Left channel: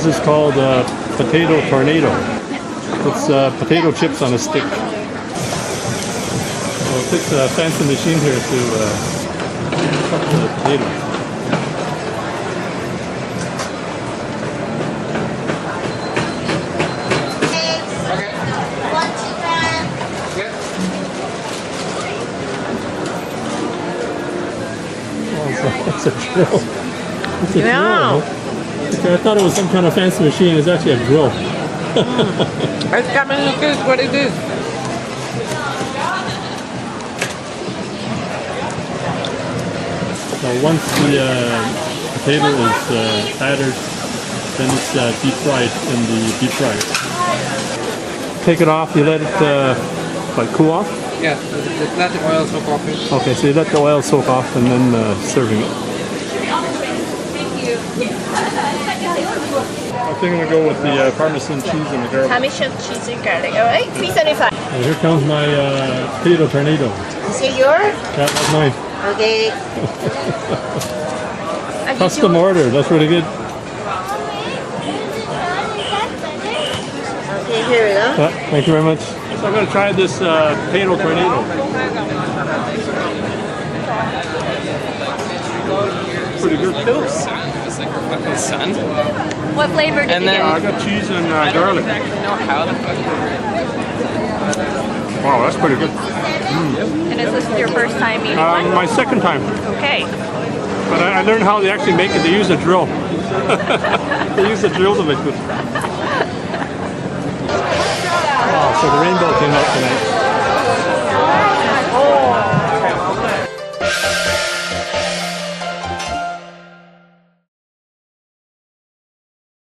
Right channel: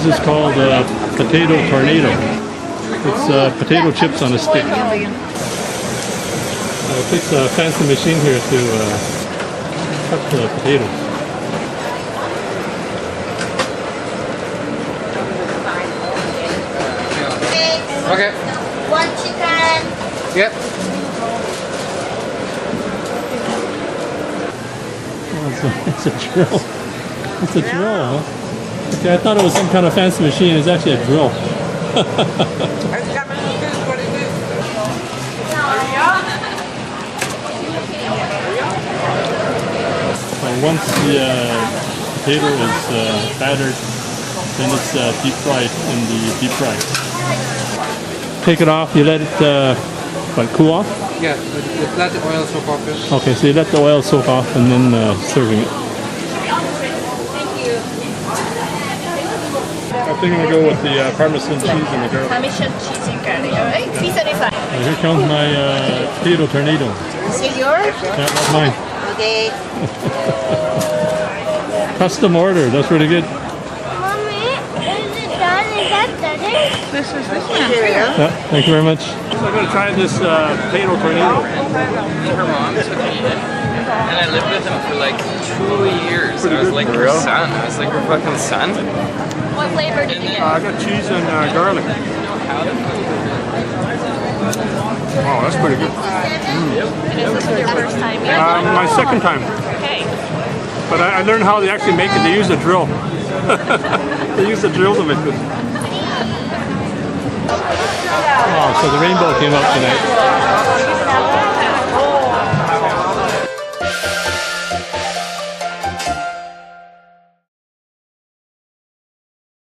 This is called potato tornado. It's potato chips on a stick. It takes a fancy machine here to cut the potatoes. Okay. One chicken. Yep. Oh, it's a drill. It's a drill, huh? Okay, I thought it was some kind of fancy machine. It's actually a drill. It's coming as good as what it is. Once the potato is battered, then it's deep fried in the deep fryer. Take it off, you let it cool off? Yeah, let the oil soak off it. Okay, so you let the oil soak off and then serving it. I think I'm going to go with the Parmesan cheese and the garlic. Parmesan cheese and garlic. All right, $3.75. Here comes my potato tornado. Is it yours? Yeah, that's mine. Okay. Custom order, that's really good. Mommy, is it done? Is that better? Okay, here we go. Yeah, thank you very much. So I'm going to try this potato tornado. And I lived with him for like 2 years. Pretty I was good, like for her real. son. I was like her fucking son. And then I got cheese and garlic. Wow, that's pretty good. My second time. But I learned how they actually make it. They use a drill. They use a drill to make this. Oh, so the rainbow came out tonight.